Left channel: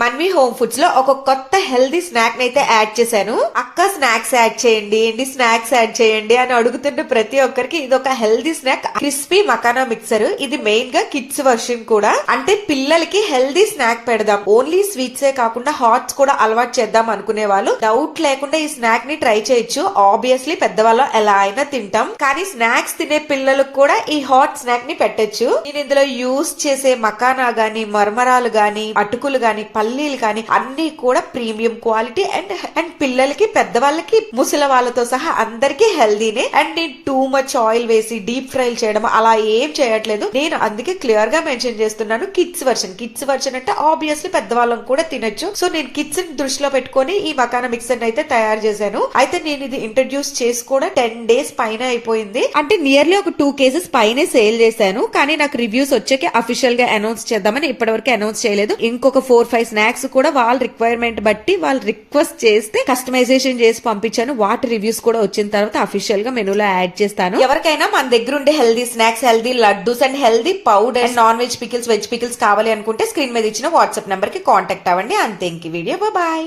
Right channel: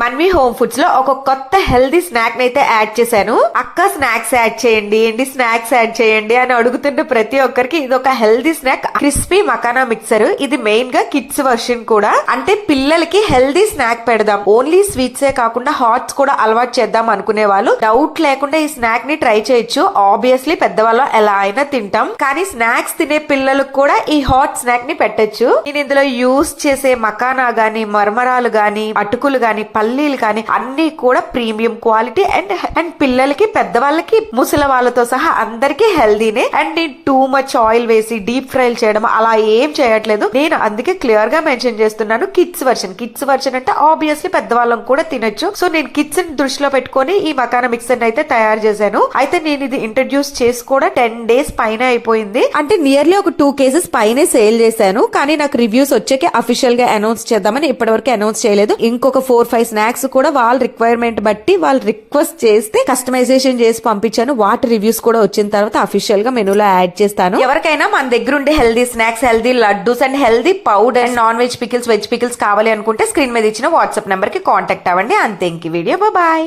Manvi home foods లో ఒక కొత్త హెల్దీ స్నాక్ అయితే యాడ్ చేశాను. అక్క స్నాక్స్ యాడ్ చేయండి ఏంటి, స్నాక్స్ యాడ్ చేయండి అని అడుగుతున్న ప్రతి ఒక్కరికి ఇది ఒక healthy snack, crispy makhana mixer. ఇది మెయిన్ గా కిడ్స్ వర్షన్ కూడా, అంటే పిల్లలకి హెల్దీ స్నాక్ పెడదాం, ఓన్లీ స్వీట్స్ ఏ కాకుండా హాట్స్ కూడా అలవాటు చేద్దాం అనుకునే వాళ్ళు డౌట్ లేకుండా ఈ స్నాక్ ని ట్రై చేయొచ్చు. ఆబ్వియస్లీ పెద్దవాళ్ళం ఎలా అయినా తింటాం, కానీ స్నాక్స్ తినే పిల్లలకు కూడా ఈ హాట్ స్నాక్ ని పెట్టచ్చు. నేను ఇందులో యూస్ చేసే మకానా గానీ, మర్మరాలు గానీ, అటుకులు గానీ, పల్లీలు కానీ అన్ని కూడా ప్రీమియం క్వాలిటీ అండ్ పిల్లలకి, పెద్దవాళ్ళకి, ముసలి వాళ్ళతో సహా అందరికి హెల్దీనే. అండ్ నేను టూ మచ్ ఆయిల్ వేసి డీప్ ఫ్రై చేయడం అలా ఏం చేయట్లేదు. నేను అందుకే క్లియర్ గా మెన్షన్ చేస్తున్నాను కిడ్స్ వర్షన్. కిడ్స్ వర్షన్ అంటే ఆబ్వియస్లీ పెద్దవాళ్ళం కూడా తినొచ్చు. సో నేను కిడ్స్ ని దృష్టిలో పెట్టుకుని ఈ మకానా మిక్సర్ అయితే తయారు చేశాను. అయితే నేను ఇది ఇంట్రడ్యూస్ చేసి కూడా 10 days పైన అయిపోయింది. అంటే నియర్లీ ఒక 2 cases పైనే సేల్ చేశాను. కానీ నాకు రివ్యూస్ వచ్చాక అఫీషియల్ గా అనౌన్స్ చేద్దామని ఇప్పటివరకు అనౌన్స్ చేయలేదు. ఇంకొక 4-5 స్నాక్స్ కూడా వాళ్ళ రిక్వైర్మెంట్ బట్టి వాళ్ళు రిక్వెస్ట్ చేస్తే కస్టమైజేషన్ చేసి పంపించాను. వాటి రివ్యూస్ కూడా వచ్చిన తర్వాత అఫీషియల్ గా మెనూలో యాడ్ చేస్తాను. ఎవరికైనా మన దగ్గర ఉండే healthy snacks, healthy laddoos and healthy powder and non veg pickles, veg pickles కావాలి అనుకుంటే స్క్రీన్ మీద ఇచ్చిన వాట్సాప్ నెంబర్ కి కాంటాక్ట్ అవ్వండి. అంతే ఇంక వీడియో. బాయ్.